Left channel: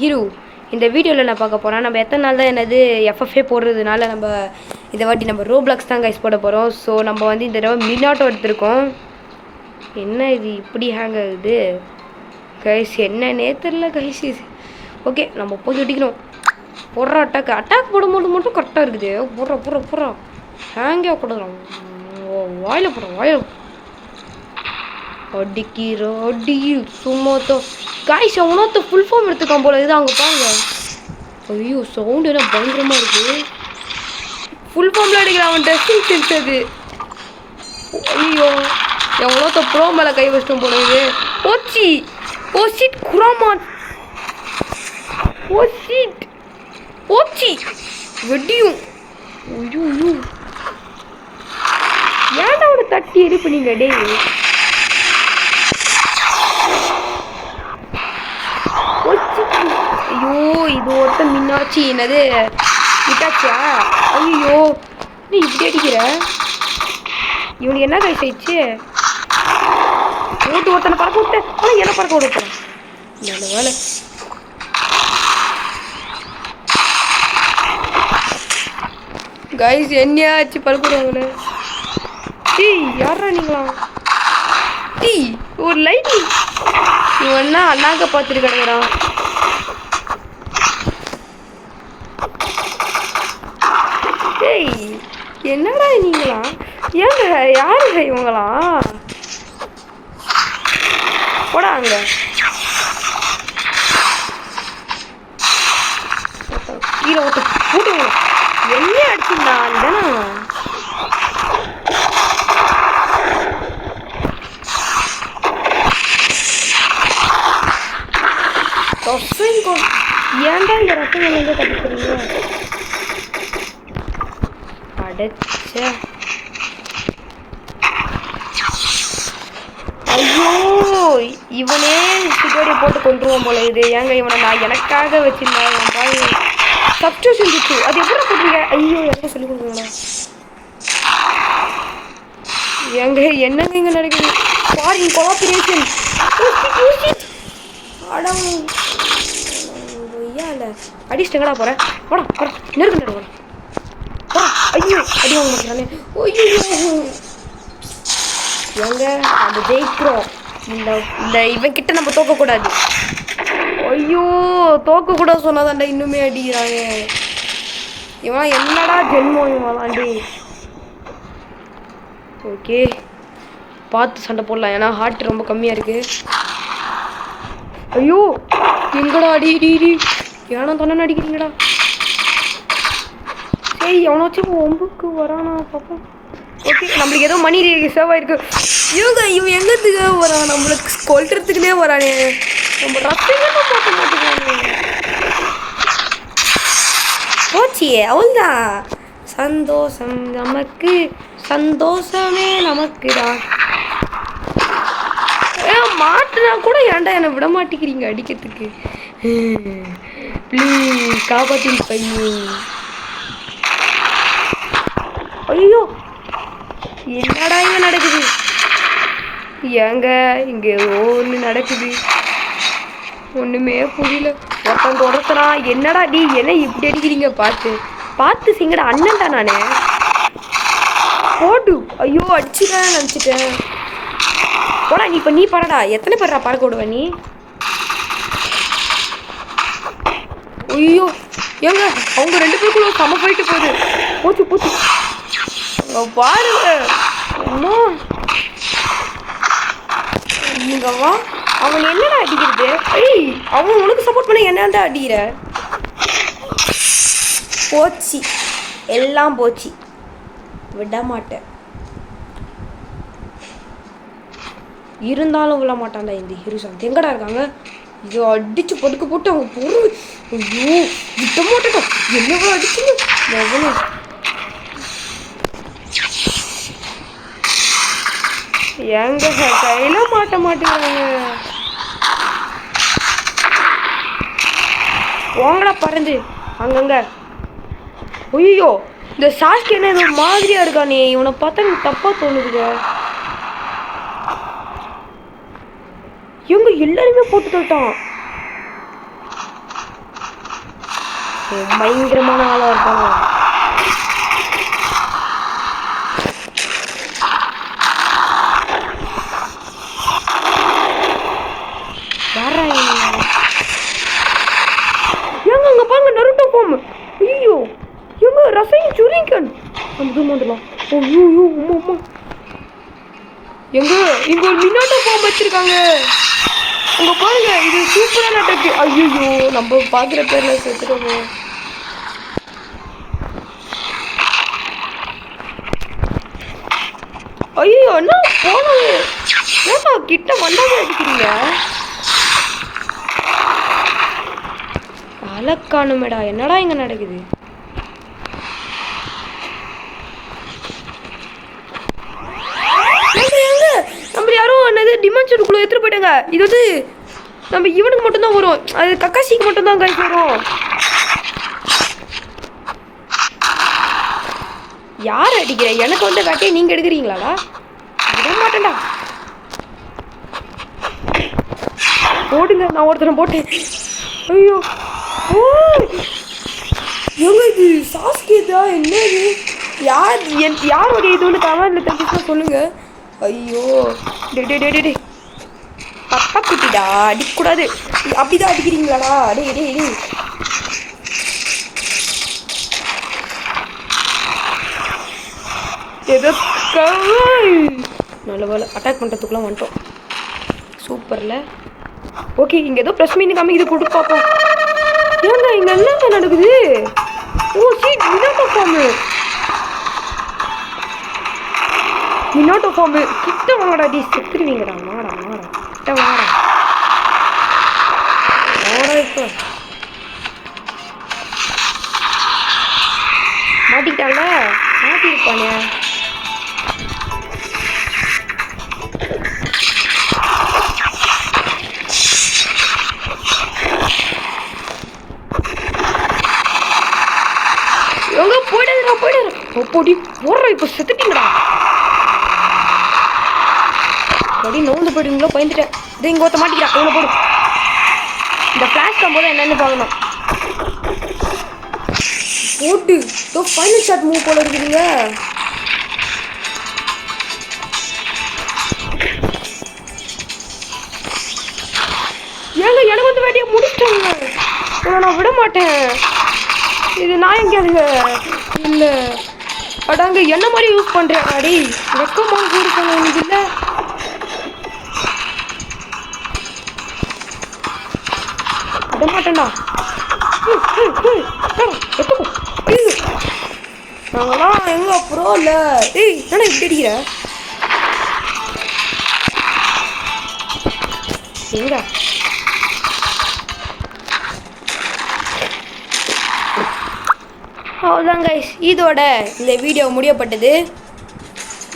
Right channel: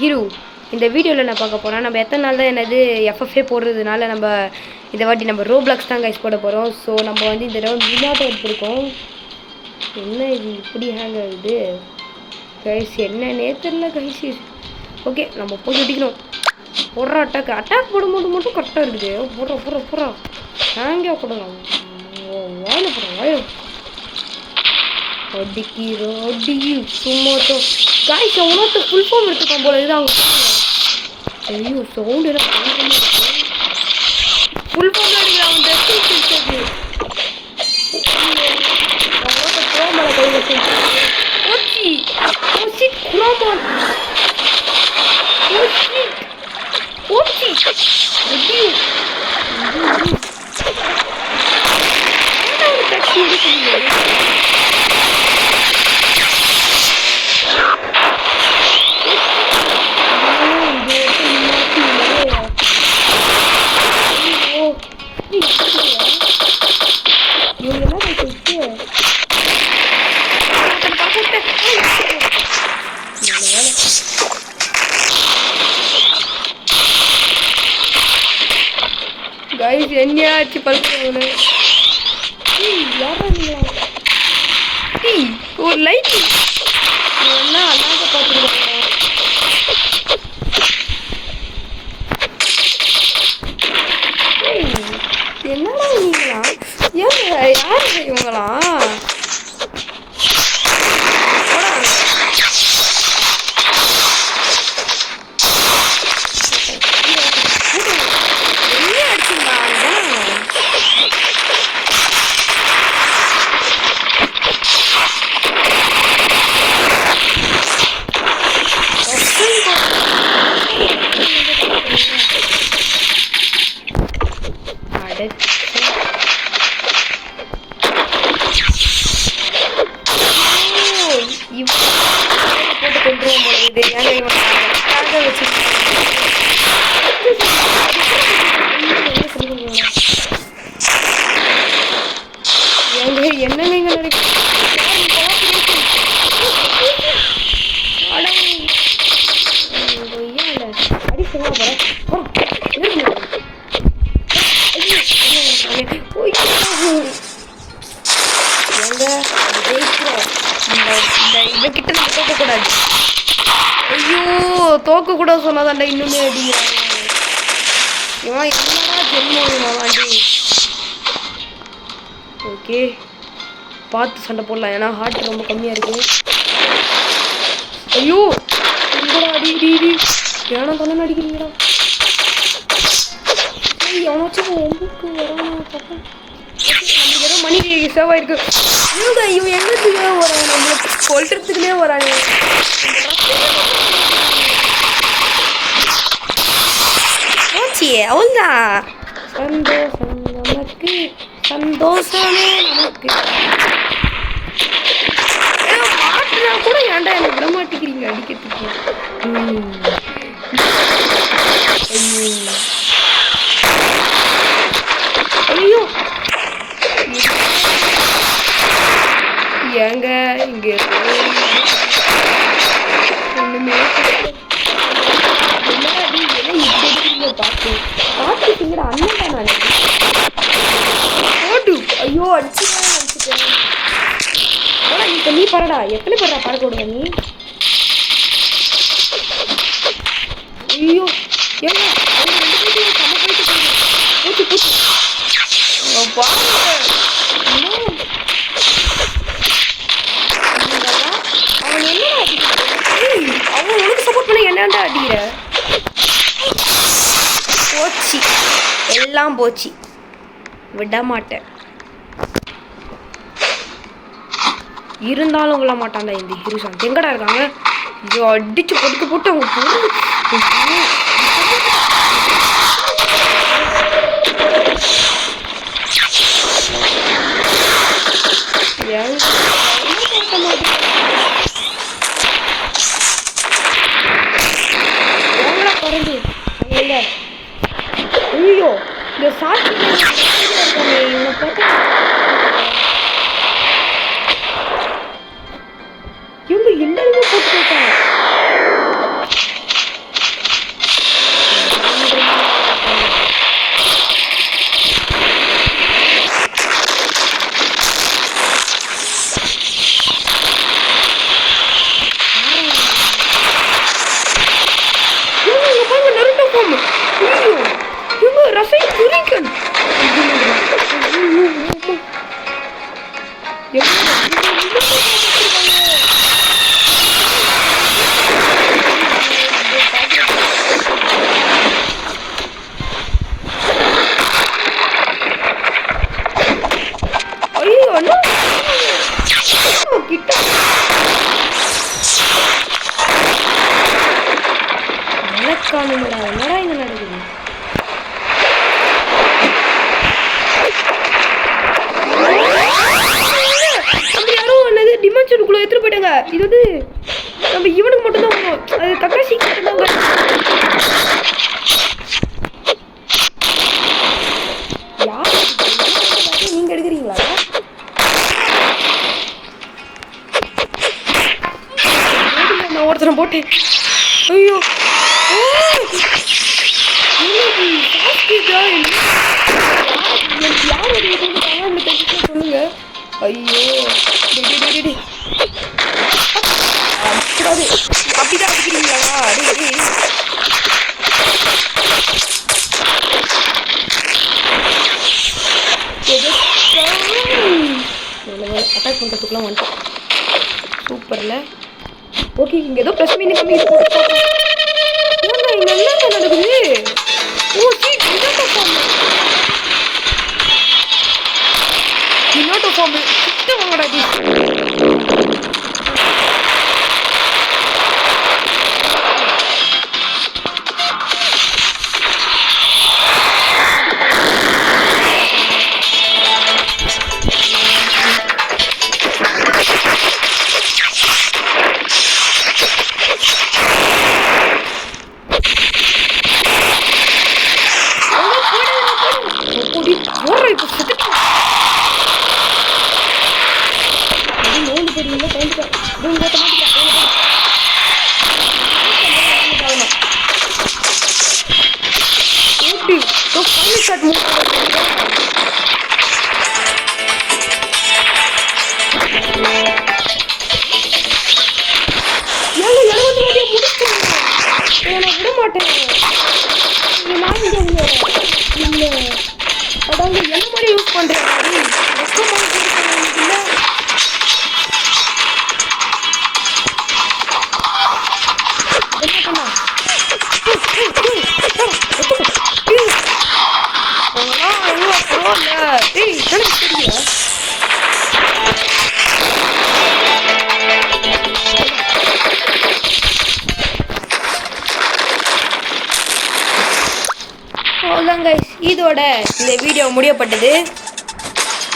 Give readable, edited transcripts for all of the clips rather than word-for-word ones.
Hero இந்த வீடியோவில் நான் பார்க்க போகிறேன். நம்ம எத்தனை நாள் தான் என்னது எஃப்எஃப்ஏ போடுறதுனால நம்ம இந்த வாட்டி நம்ம ரோப்ளாக்ஸ் தான் கைஸ் போட போகிறோம். ஸோ நம்ம வந்து இந்த தடவை மினாட்டோ எடுத்திருக்கோம். என்ன இது இப்படி ஹேங் ஆகுது கைஸ், என்னன்னே தெரில கைஸ். ஓகே நம்ம போய் ஒட்டிக்கணும். போடுற அட்டாக் போடும்போது மட்டும் கரெக்டாக இருக்குது. போடுற ஹேங்கே போடலாம். வாயில் போடுறோம் அடிக்கி சும்மாத்தோ காய்ஸ். அவனோத்த ஃபுல் ஃபார்ம் எடுத்துக்கான் போல இது. அவங்க பாருங்க. ஐயோ சவுண்டு எல்லாம் பயங்கரமாக இருக்குது. ஃபுல் ஃபார்மில் அடிக்கிறான் அவன். ட்ரெஸ்ஸிங் சென்ஸ் அது. ஐயோ எவ்வளோத்த ப்ரோ மேலே கை வச்சோம் போகிறது. போச்சி குராமான் போச்சி வெட்டியும் ஏன்டா ஒரு தட்டி எடுக்கணுங்க டே. இது ஒருத்தர் நின்னாச்சு என்னது இதாச்சா. ஐயோ நீ இப்படி அடிக்கிற. இவங்க என்ன கை செய்ச்சு ஒருத்தனை பறக்க விட்டேன். என்ன பறக்க விடுப்பேன் நல்ல வேலை. கைஸ் என்னையாச்சு பறக்குறாங்களே. டீ யாரா நீங்களா? டீ ஒரு லைட் இவன் என்ன அண்ணாக்க பார்த்துருக்காங்கடா. என்னடா நீங்களா? ஏங்க யாரு இவங்களா? போடாங்க என்ன அடிச்சுடா ஏன்டா இந்த ரத்தம் வந்து கற்றுக்கிறீங்க? ஐயோ இவனே பேரை போட்டு கொண்டுருவான் போல இது. ஏங்க இவனை நான் எனக்காக வச்சிருந்தேன். ஃபஸ்ட்டு செஞ்சிச்சு அது எப்படி போட்டுருக்கேன். ஐயோ எங்க சொல்லுவீங்களா? ஏங்க என்னங்க இங்கே நடக்குது? ஃபாரின் கோஆபரேஷன் ஐயால அடிச்சுட்டா போகிறேன். போடா நெருங்க. ஐயோ அடி வாங்க மாட்டானே. ஐயோ ஏங்க அது ஜெயிக்கிறோம். இந்த இவன்கிட்ட நம்ம தோக்கக்கூடாது. ஐயோ தோக்கக்கூடாது சொன்னாதாண்டா இன்னுமே அடிக்கிறாங்க. இவன் என்னடா ஜென்மம் இவன். ஓகே பார்த்து சண்டை போடலாம். ஏன்னா ஹார்ட் ரொம்ப கம்மியாக இருக்கு. ஐயோ எங்கடா அடி ஏன்னா தானே அடிக்கிறீங்கடா. சரி எவனாச்சும் ஒம்புக்கு வரானா பார்ப்போம். ஓகே நம்மளுக்கு ஏதோ மணி சேவ் ஆயிருக்கு. இவன் எங்கத்துக்கு வரான்? நம்மளுக்கு கொல்றதுக்குனே வராங்க. நம்ம ரத்தமே பார்க்க மாட்டேங்கிறாங்க. போச்சு அவள்தான். சந்தோஷம் நமக்கு சந்தோஷமே நமக்கு தான். மாட்டுனா கூட ஏன்டா என்னை விட மாட்டேங்கிறீங்க அடிக்கிறதுக்கு. காப்பாற்றி பையன். ஐயோ என்னடா இங்க நடக்குது? ஏங்க இங்க ஓடி நடக்குது ஒண்ணுமே புரியல. ஒருத்தவங்க ஒருத்தரா என்னடா நீ என்ன இப்படி அடிக்கிறீங்க? பார்த்து சிங்கடா அண்ணன்டா நானே. போடு ஐயோ அடிச்சுதான் நினச்சிட்டேன். போடா இப்போ நீ பறடா. எத்தனை பேர்டா பறக்க விடுவ நீ? ஐயோ ஏங்க அவங்க 2 பேருக்குள்ள சம போயிட்டு போகுது. போச்சு பாருங்க. அவன் என்னடா அடிக்கிறது? அவன் உனக்கு சப்போர்ட் பண்ண என்னடா அடிக்கிற? போச்சு எல்லாம் போச்சு. விட மாட்டேன். இருந்தாலும் விட மாட்டான்டா இந்த ஹீரோசான். எங்கடா இருக்காங்க? ஐயோ அடிச்சு போட்டு அவங்க பொருள். ஐயோ இப்போ போட்டுட்டா என்னடா அடிச்சு எங்க கையில மாட்ட மாட்டேங்கிறாங்க. போங்கடா பறந்து அங்கங்க. ஐயோ இந்த சாஸ்திரியில ஒரு மாதிரியா இருக்கானே. இவனை பார்த்தா நீ தப்பா தோணுது. இவங்க எல்லாருமே போட்டு போயிட்டான். பயங்கரமான ஆளாக இருப்பாங்க. இங்க பாருங்க நருட்டோ ஃபார்ம். ஐயோ இவங்க ரசை சுரிக்கன் எங்க இங்க மினாட்டோ ஃபார்ம் வச்சிருக்காங்க. உங்க பாருங்க இது சூப்பரான பேச்சு. ஐயோ நம்ம பாக்குற பேர்ல சேர்த்துக்கோங்க. ஐயோ அண்ணா போனா கிட்ட வந்தாங்க வச்சுக்கிறீங்க. மலக்கானுமேடா என்னடா இங்க நடக்குது? நம்ம யாரும் என்னது டிமென்ஷனுக்குள்ள எடுத்துட்டு போயிட்டாங்க. இது வந்து நம்ம இவனுக்கு மட்டும்தான் வரும். அது கக்காசிக்கு மட்டும்தான் வரும். யார் அடிக்கிற? எனக்கு வந்து வேட்டையை நீங்க எடுக்கிறீங்களா? போடுங்க நான் ஒருத்தரை போட்டேன். ஐயோ என்னது சாஸ்கேதா? என்னது யாருடைய இது வந்து கமெண்ட்ல தெரிஞ்சு சொல்லுங்க. ஐயோ டே அப்பாக்கிட்டா அடிக்கூடாது. அப்படிதான் அடிக்கிறீங்களாடா? டே ஏதோ நல்ல வேலை அட்டாக் பண்ணுறதுக்குலாம் வந்துட்டோம். சூப்பர்ல. ஓகே இங்கே ஏதோ ப்ளஸ் மீன் கம்மி இது போட்டு பார்ப்போம். ஏங்க இங்கே என்னங்க நடக்குது? ஓ சீட் மினாட்டோ ஃபார்மு கிட்ட வாங்கடா டி. போடி ஓடுற இப்போ செத்துட்டீங்களா? அப்படியே நோந்து போயிடுவீங்களோ பயந்துட்டேன். இது இங்கே ஒருத்த மாட்டிக்கிறா. அவனை போடும். இந்த ஃப்ளாஷ் போது என்னென்னு பார்க்கணும். ஓட்டு இப்போ ஃபைனல் ஷாட் மூவ் போல இருக்குதுங்க. ஏங்க எனக்கு வந்து வேலையை முடிச்சிட்டாங்க. இதை நான் விட மாட்டேன். இது நான் எங்கேயாதுங்க இல்லை அடாங்க என்ன மாதிரி யூஸ் பண்ணுறேன் அடி வெக்கமாக கொடுக்கணும் எனக்கு இல்லை. விட மாட்டேன்டா. நாங்களாம் எங்க அப்புறம் இல்லை. ஏய் என்ன தெரியல அவ்வளோதான் கைஸ். இதோட இந்த வீடியோ முடியப்பட்டது.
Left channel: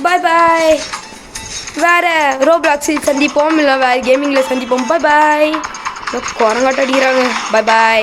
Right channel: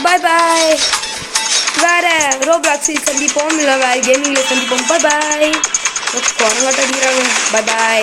பாய் பாய். வேறு ரோப்ளாக்ஸில் சந்திப்போம், இல்லை வேறு கேமிங்கில் சந்திப்போம். பாய் பாய். குரங்காட்டம் அடிக்கிறாங்க. பாய் பாய்.